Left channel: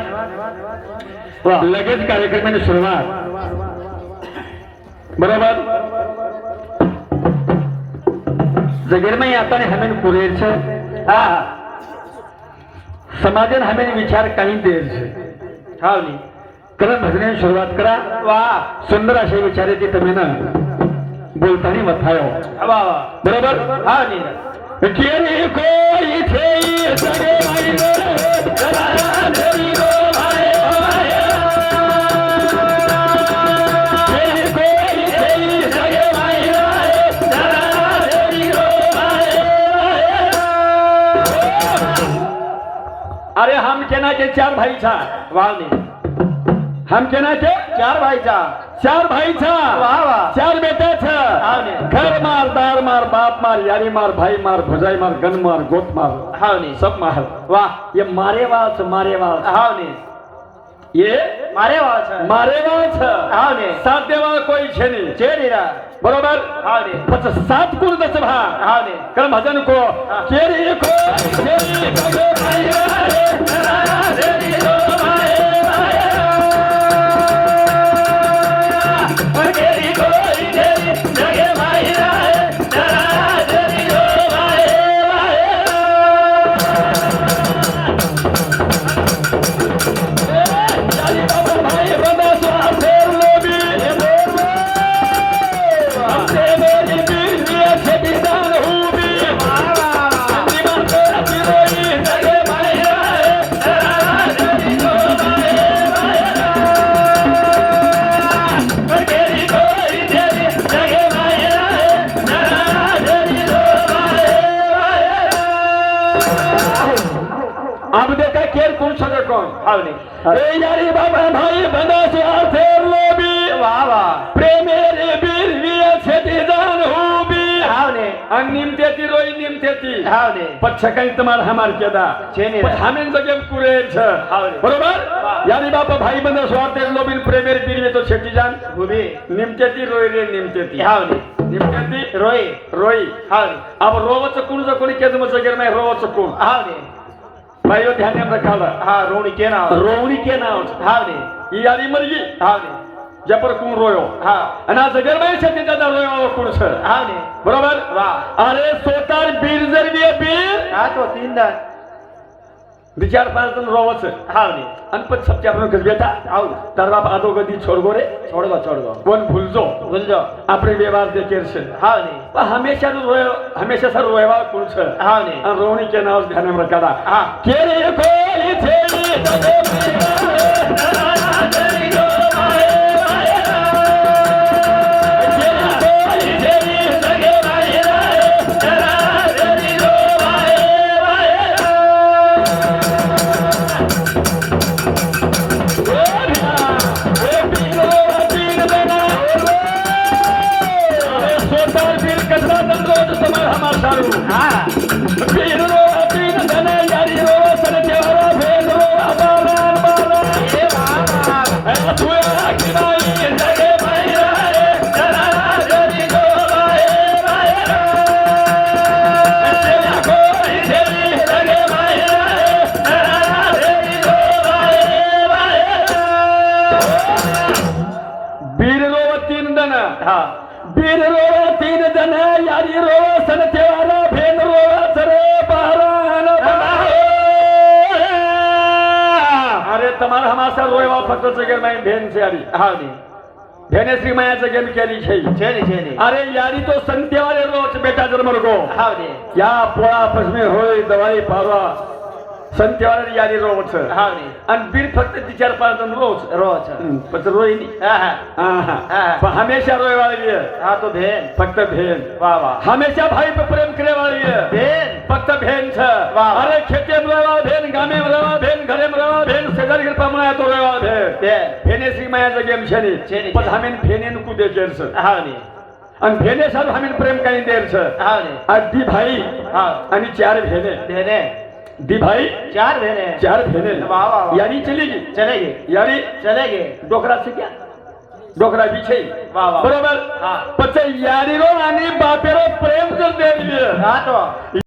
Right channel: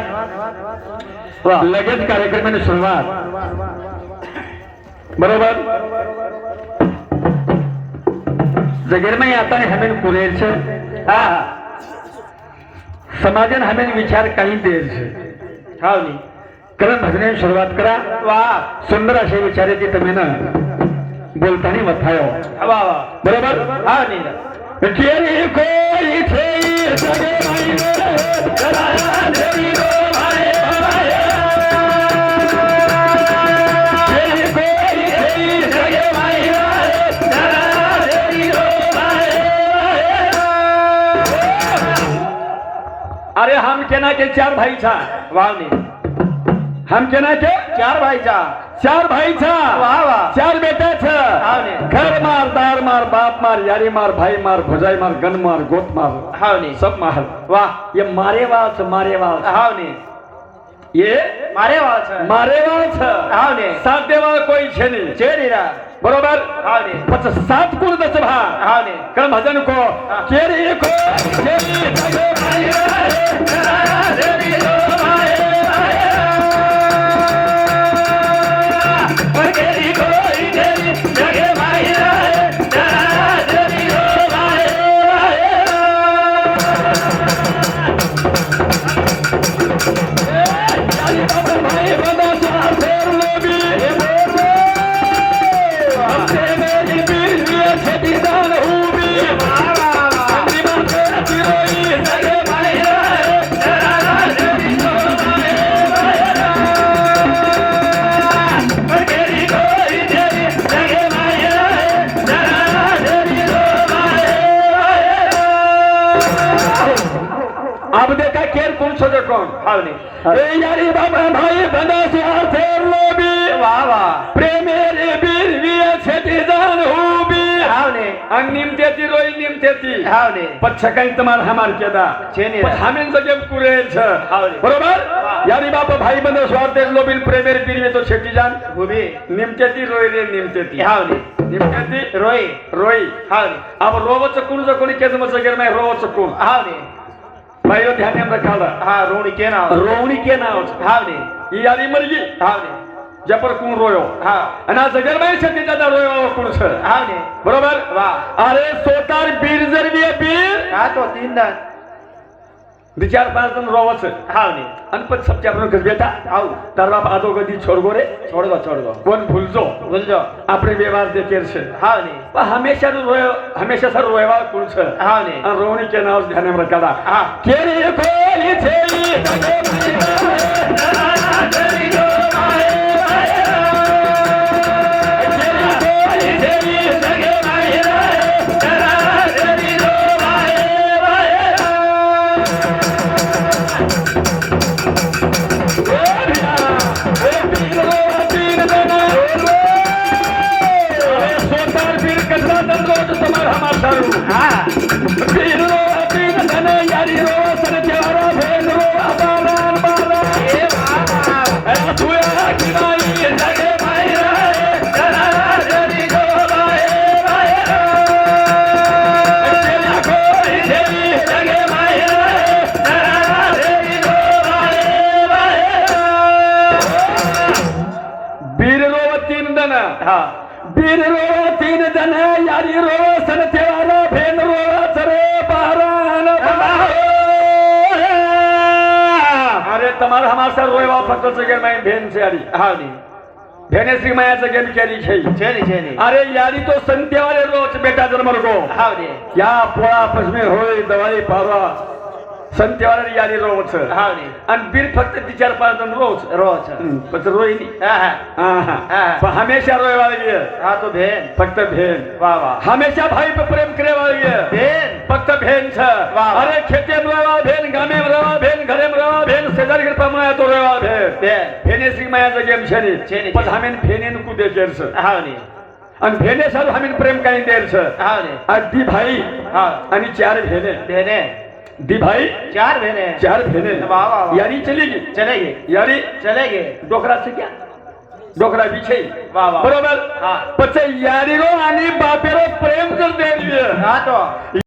धन्यवाद लगेच कार्यक्रमाने सुरुवात. बरोबर? जगेरमाई आता हमें पुरेच हा. समाजन हमें विचार काही द्यायचे. हा नी. करत भजने सुरुवात करा. वा. सुंदर असे विचार येते तुम्ही ना बोलताना वथायो बरोबर? हा नी. केरी कोई थे नाते चार भाईचा. वावने हमचे नाते चार भाईचा. चार भाईचा. वा वा. चार बेट्याचं. घर मार दार मार बाप मार यारी मार भाई मार भुजाई मार गण मार गोट मार. हावने सब मार. वा. ये मारेवाच मारेवाच. हावने ये मारेवाच. मारेवाच. हावने सात देवा कोई छेनी चेरीरा. बरोबर? फक्त सात कोण त्याच भा. कारण भजन को. चेरी को. हम देखा केर कुन सजे कौन हावनी ए यारी बाबा भाई बना से आथे लोबी वाह वाह प्रेमे रे बीर विय छेती जान हुबी. हावनी अंग निमतेती रोई निमतेती हावनी पछकन तमार हमार केदा. छेने. हमें जगे कुरे छ. हावनी बरोबर? यारी बाबा भाई बना से आथे लोबी प्रेमे रे बीर विय तो छेती जान हुबी. निमतेती रोई रे निमतेती हावनी निमतेती रोई. रोई. हावनी अब रोवच कुण जो कोणी केज मजगेर नाही रोवच कुण? हावनी ಬಯಲು ಧ್ಯಾನ ರಖಾದ ಹಾ ರೋಣಿಕೆ ನಾವ್. ರೋಣಿಕೆ ನಾವ್. ಹಾವ್ರಿ ಈ ಯಾರಿ ಮರಿಗಿ? ಹಾವ್ರಿ जपर कोण रोयो हा आणि जगर बाई छत्तीचा रोयो कोण छळ हा बरोबर वा अरे सोतार बीर जर बीर हा तो तीनदा विचारपासून रोवच हावनी अनपत सबके आपण गजबेटा आव तरवाप आदो गदी छोड़गो रे? छोड़गो छोड़गो. कोन भूलजो भूलजो आपरे व्यवहार दे केरसे हावनी व हमेशा रोय हमेशा सर रोयवा कुण छ हावनी अन रोवणी के नाव ध्यान में रखा था केरे कोली छेली तबे चंद्र तुम्हाला मार चालू हा बीररो तीन जण यारी रो सन तेरा फेन रो सरे बारण अरे तुम्हाला हमासा रोयवा फक्त सगळे माई भेन सारी हावनी भेनेश्री मायाचं गेम केली खेळी अरे यारी तो संतेवाले रोज बेटा जन्मर गो या पोळा पश्मे होय दवाई पावा ಸಂತ್ಯಾರ यादी ರೋಚ ಹೌದು ಅನ್ ಬಿಲ್ ಫಕ್ತ ವಿಚಾರ ಪಾದನ್ पाच जण ಪತ ರೋಹಿನಿ ಹಾ ಹಾ ಹಾ ಹಾ ಹಮೇಶಾ तो भेन. फक्त भेन. वा वा. हमेशा भाई पे प्रेम करे वाली भेन. फक्त भेन छ. अरे खेते में भेन गामे में भेन घरे में भेन सदर कृपा माया तो रहो भेन. फेने माया गेम छे पर हमें फेने को दे गेल छ हा ने आणि भेने सर हमीन प्रेम काही द्यायचं अगदी भाई आणि चार भेने. भेने. दी भाई चार भेने चार भेने यानी चलेगी। चलेगी। यानी चलेगी। डोकरा से क्या? डोकरा पीछे बरोबर? पचे यारी रो आणि बापेरो प्रेम कर दे हा तो।